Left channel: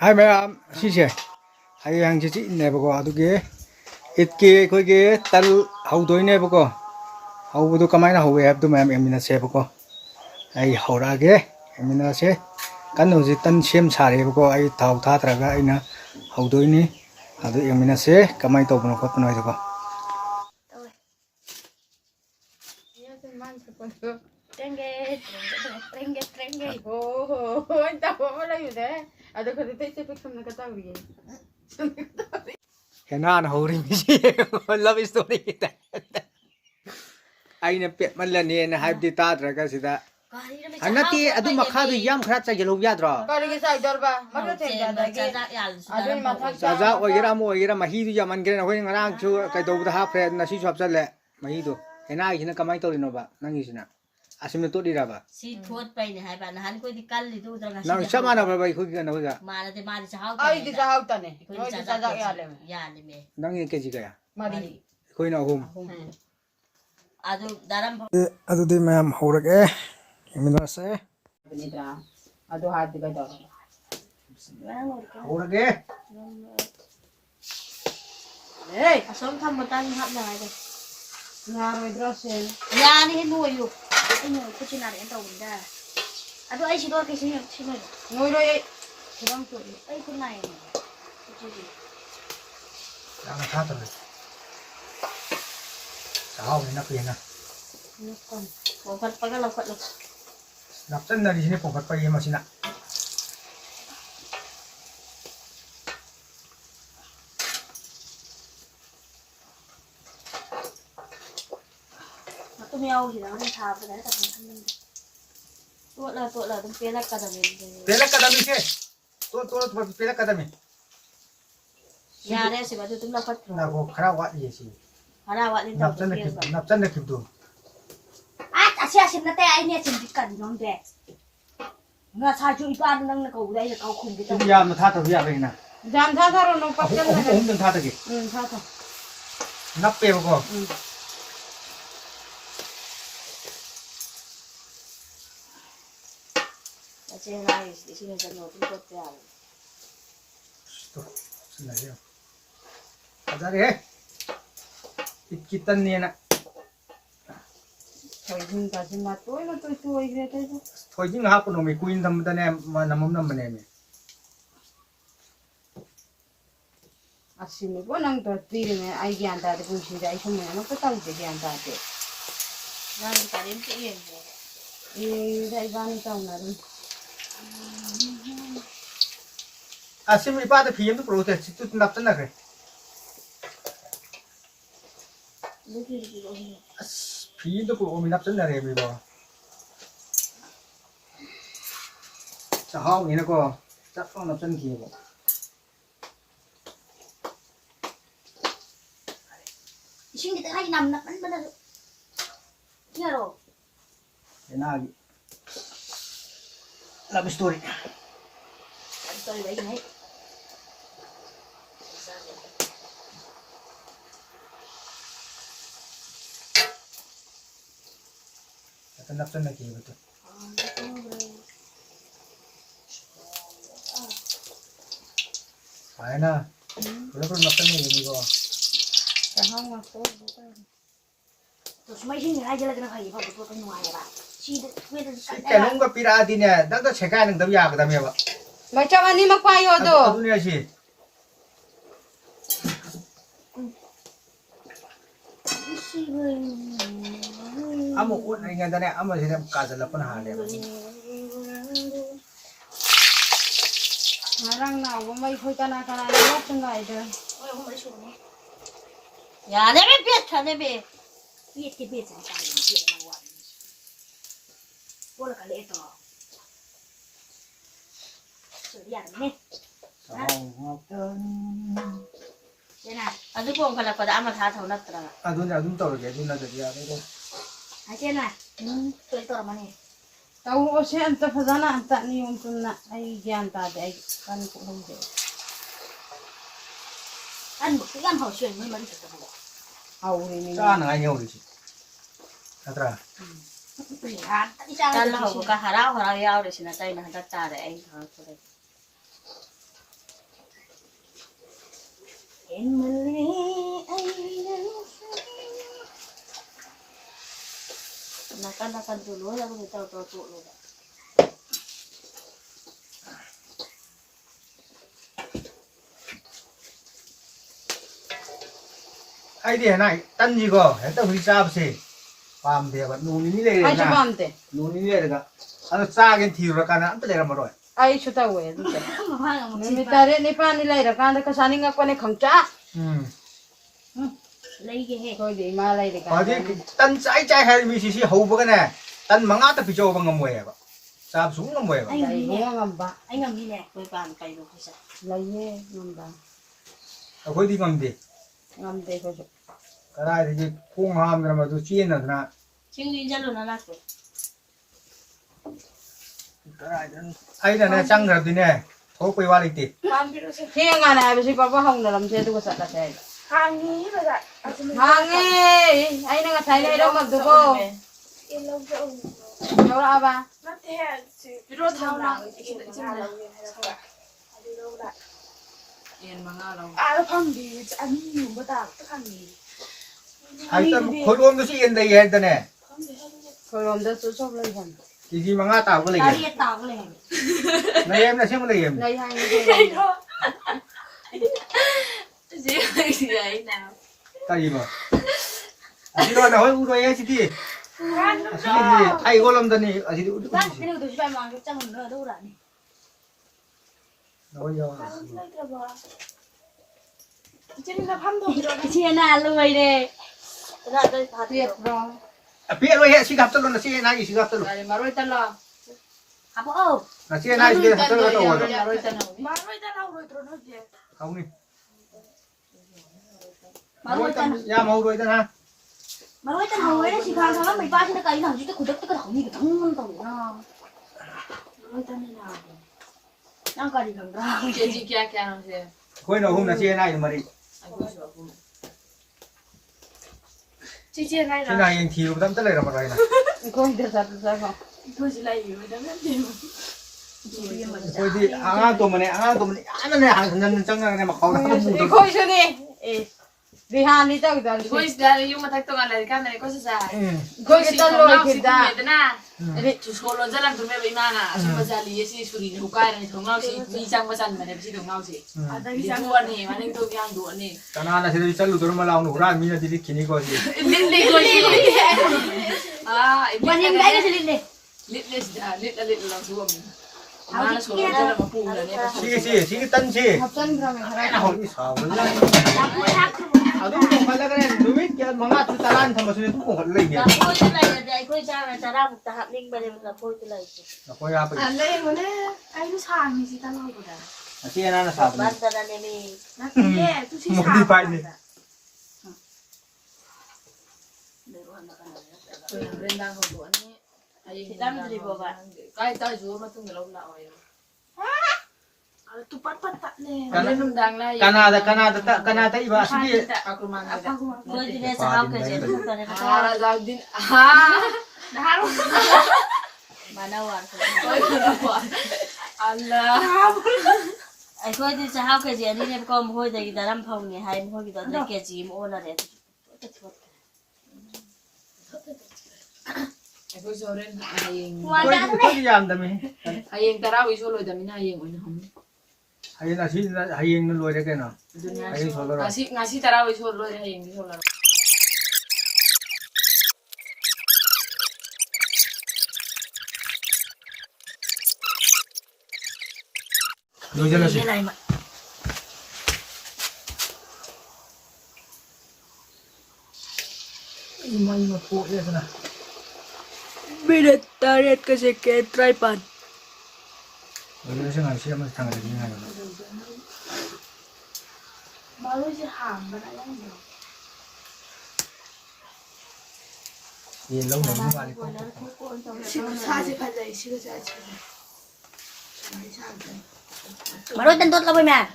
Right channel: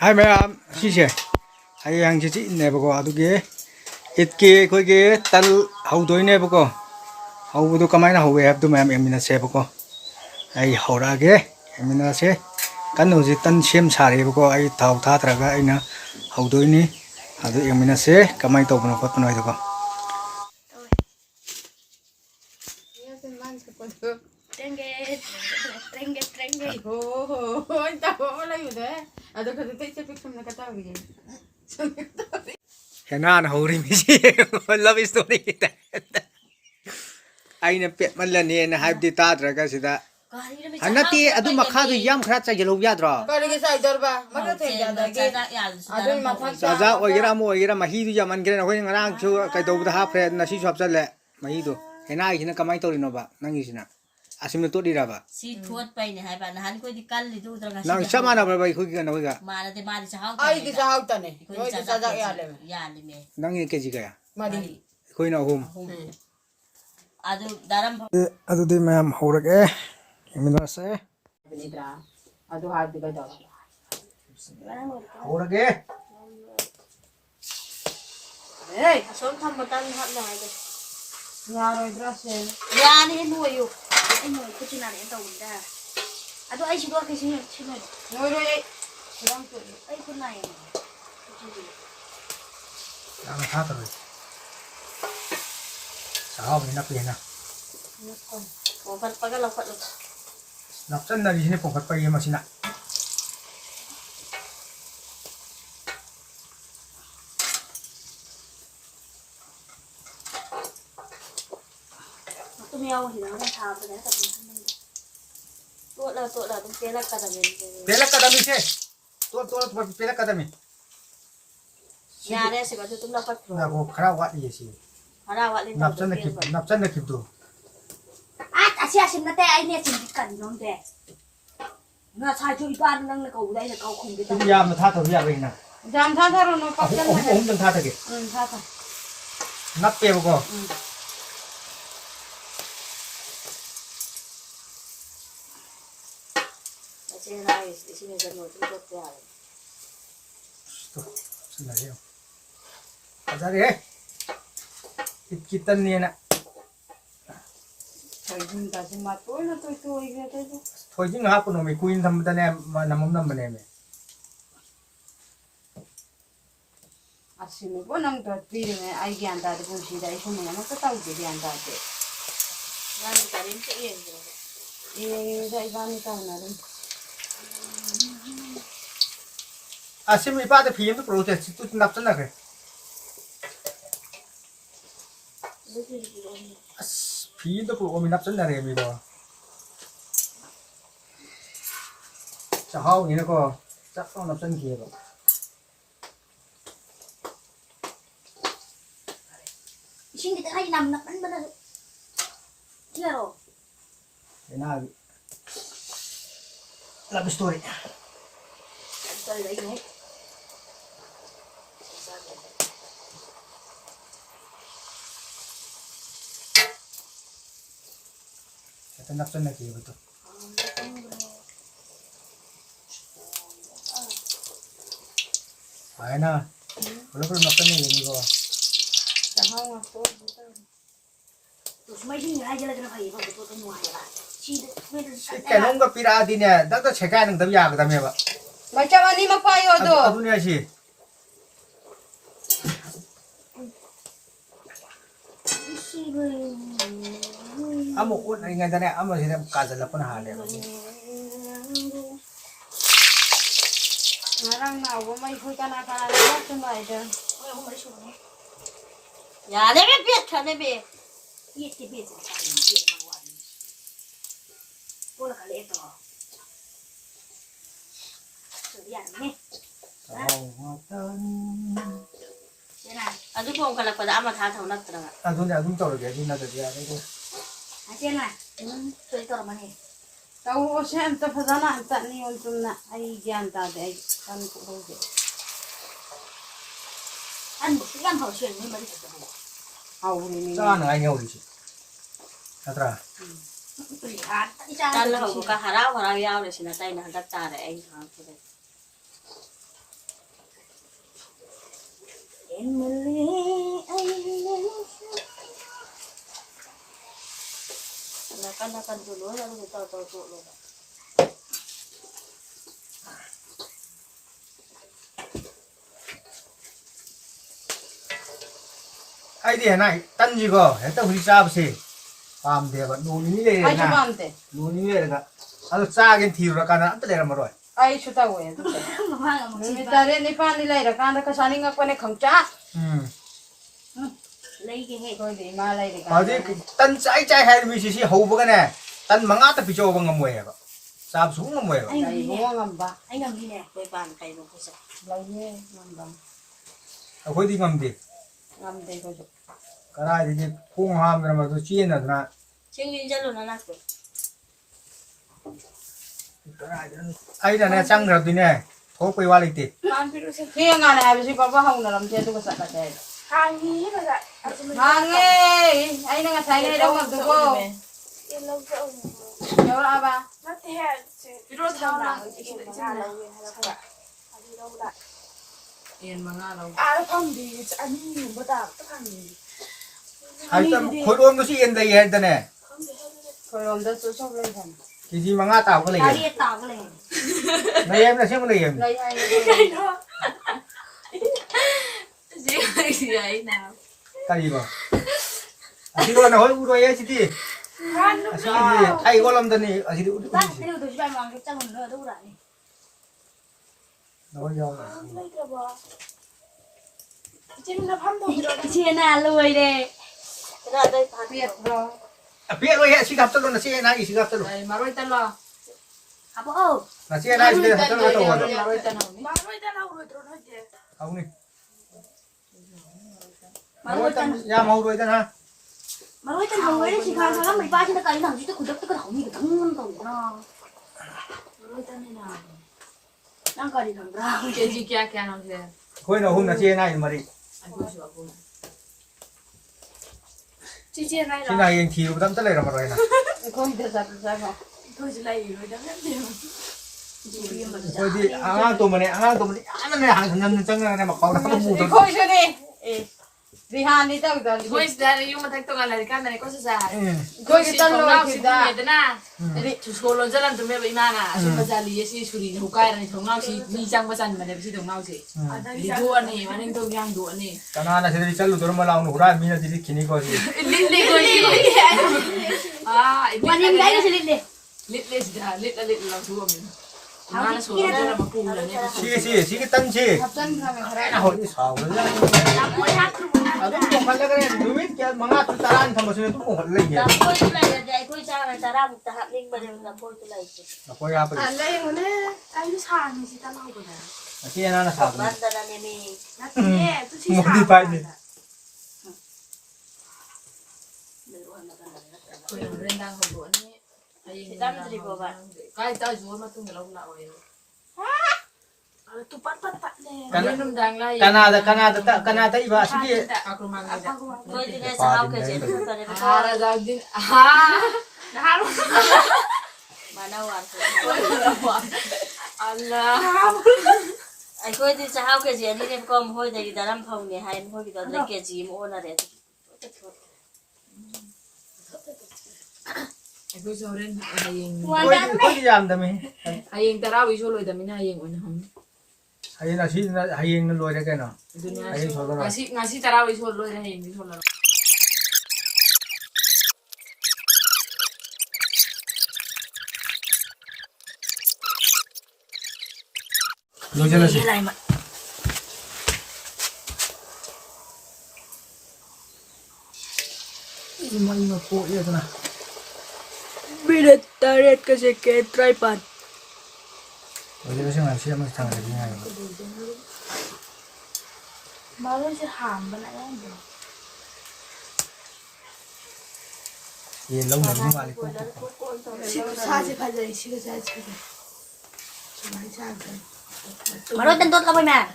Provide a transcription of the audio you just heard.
Hai ma'am, sise. Hai yang cici ne bako aduge itke koige tal haudoi ne bako. Haudu kamai na hawe abdu ma'am emina se bako. Ai haura ge emina se kan uji tan sem sare bako ai thau tha traga aina haudoi ni adu emina se kamai to bano khot noi bako. Hena na hauri mi si love story kita. Aina pet malani na hype di ta traga sida. Hanati adu makhadu yam khara cha gelo yadra. Saja ogira mo ogira mahi du yaman gre na hoi ngarang chu kai do da ha fre na si shop chale mahi du hena hina kamai to rino ba nangi sina asim to di ra ba si thot pai ne hai ba na han ko di kal li du dra ga nang sama na ba bai khoi ga na hoi ga ma de chao ai ki chao ta ne ko noi di sa ja ya le me nangi ke ji ga ya mari khoi na hum adu daram adu de ma'am haurage emina se bra adu ha di ga da haurage ei asom tham ma tan hab na de ya ro bra se ya ni nu yu ai no ku chi na ne to da adu ai si do ke si ne noi ro ei kurang to ai ku nai ku chi yang tha ta sao ni na pe na ko pat pa ga lo pat lo nap chan na ri ni pong khat pa yema sina aku miao hi na tha pa da ta to la tum pe la ka da me pela kadami se to pela kadami ya ne se ba tu tum la pat na ko khara wa di si ara wa le nap chan na kip tu asia sim na te ai ne sim dik kan nong de nga cha chu ipa nang na ko dai na ko khum de tu ya ma tha ta ya ga na jan tha tha ro no pa ken na om jang tha ta ge tha tha nap pe ko asia na is di sini kan no tu ko ya to sina ye azare kitan ni na thoi jin ta si ma toi na toi ge ta thoi jing ha ko no mi kuin tham ta ne ma namam nam ne me asime bo nang to ti ne ai gyan ta de bu si dai so me no ko ta de gyan ta de na ni ka rin ke yen dai gan ta na rin asim ipa ta phim tu protest tu nap chan na ge phim tu ko mi nap chan na re mi bo cha hao ni na ko chắc con nap chan ki bo sing kita hai nam na kan benar ya ro na love story sorry dai ni ta nap chan na ki bo tu ai na lo ko nap chan ni mi bo ta ha ma ko terus mai sing ai jala jala hai ba tu tu nu ai ba si de me de cái nông cái pira đi nè đã có chạy cái nông tấm già cái tấm gì vậy ma cha ma ni ma pa yo do adu nè gì si bai amo uất này ngay ta nè amo gì làm cả giờ là con hà nè ngarang na wo mai khu kana kana na tu ngai de ya ne be pet ka ne be pet ke pet sa ni na wa wala ka le to so ya ne ya na adu ko kala ko da ama tha thau na tra adu nè adu tao rồi cái adu nè cái gì đấy cô ha je na to to ma ne ta wo se anta fa dana anta ni on tu na ai gyan ta de ai kan ko ho de an bu yan phao xuyên ni man ta bu au ni ni cha nó ai nhau đi chị Atra Kalau ka hara hara yaw de sina tay na hadat tare ay ha Emily, Nakan dulu lalu tahu dulu. ai đi này tân gì cơ hết tao đi cha bsi pam de ba nu ni le 아주 na 마음대. nu ni le ga ano cha gen thi ra kana anta le ra ma roi 아이 좋다고 해. Mama nggak mau 밀타레 니파니 라이라 칸다 카사닝가 꺼내 컴자. lấy cái hệ. 거기 말라이라. ba ji tân chai chai hai mi si si hau ba cái này tân manga ta pi cho ba ngam mo ba cha su ngam mo ba Anh 아이 ngầm đi nè. 뭐야 봐. Anh ngầm đi nè. Tôi bàn cày đồ cái gì? 라이에 뭔가. a khoi di ngam di 남대 거죠. ka rai di khung ham ra ma du chi na na Chứ nguyên dân rồi nó là cái. ka rai ai na na chang ra di ne tho pe wa li ti 그냥 안에 아버지 봐봐 하고 나면 제도 거 살다 돼. Hangi ba da? 망해. 아이 내가 사이가 이러고 두고. Ilang sa ulo. 여러 아봐. Nati yan. Pero tawag Adi daw da. Yan mga araw. Araw kang di. Ano yung bata? Kang di. ai ta khoi rom du si en dai he ta ne Kang di. 그럼 너 소소를 산. ki ji manga ta ko le Tao ye đi tao cái này. na em na sem le em 라이 하이. ta gì mà chị nói nói u rồi chị đi chị đi ai có làm gì chị đi Bác cái điều tôi phải mang cái chân nữa đâu ra nè. nói do Kang di ka ba? Jadi na pando biro. Cái chia nào lùi đi. Na dai ta. 피했어. biết rồi chị gặp tôi luôn là chị này chị gặp tôi luôn 라이 마로 있달라. À bố ơi. là chị này chị gặp tôi luôn rồi 마로 있달라. Baroy ta na uro tro no je. không đi nói tâm nhà màu rồi ha Mà nói chân hồng ấy chỉ khang sáng mình ba trên cái nào chứ tôi cũng cái không như cái thằng tàu nó. Nói chân này nào. Nó cái gì thằng ra. 제지 기약해 하는 데. khôi nào hôm là chị này mà đi 아이고 좋아. Chi chi nai chị da. này anh thiếu tâm tất là mà rồi nè 거기 대사 비싸고. Thôi chỉ lai iro da na je. thôi thì tôi mà này anh này hàng nhân chẳng là này mà khó lắm nó mù thôi 거기 저기. 예. 리하니 떡다. Pois dari yung matagtungan lari ka na ko sa 거기 떨러 기다. na. Tus ko lon jalan tume ba imana. So pazali si suri no kaya ni thong nau si mi chang pasan ma ne si thong nau si. Ada Di isa. do ani maning to yang do ani. cái nào là chị đi chân lụt mà lao nó ra mi là đi kini coi gì Lili ko ni. Ah, Mà em gái cái gì lên đi. lit lang tuwa mi. Mana so lon jalan mapula ni. chị cái tân chị 갑자기 그러면 cái nào đi sao rồi à đúng không phải là cái này đúng biết cái manga tôi ta ăn thầm mà tôi cũng phải lấy nhỉ Tôi cái này là ai tôi cha là ta ra một ta hạt linh mà là tôi cái này. là coi ra bây Ang lai mo na. Ay no sa ni si tanaw ko da. chị anh là sao Bắt ra này mi. Nati ye. Tu si một sa. đi phải đi Ko na rendang ho do ani. Ay Thì tao mới đi bộ vậy. Kai ta jo ma tung lo la oi. Tu pat pat pat ne. Kan rendang lai. Canada iba sige Aku mang Apa ko? Tôi thì này sao cái gì tôi này Ah, Razaldin. Ah. Naharo. mà đâu à. Allah. Ai tôi thì sao cái gì đi nên con hồi này ta làm phòng này hay hồi cái đó cái gì mà ôn là để. Aku soren hayeng. tôi đi làm tầm ấy Hayeng tarawi so loy damin hayeng on ham. hay là chị hay nó lôi ra cái nào Dunia Hayeng so rồi ngasi tarawi so loy hayeng di so lo. lôi ra là gì Cái này mà. mà phụ vậy thế nào Bilet taret kasi ke tripod. lôi ra xem ngày xưa mà thằng này như này Baroy si ham ba na yan. gì lâu nữa mới vào đi Si sa si ka dai si ka sa si. Mà nói tên tốt lắm nè.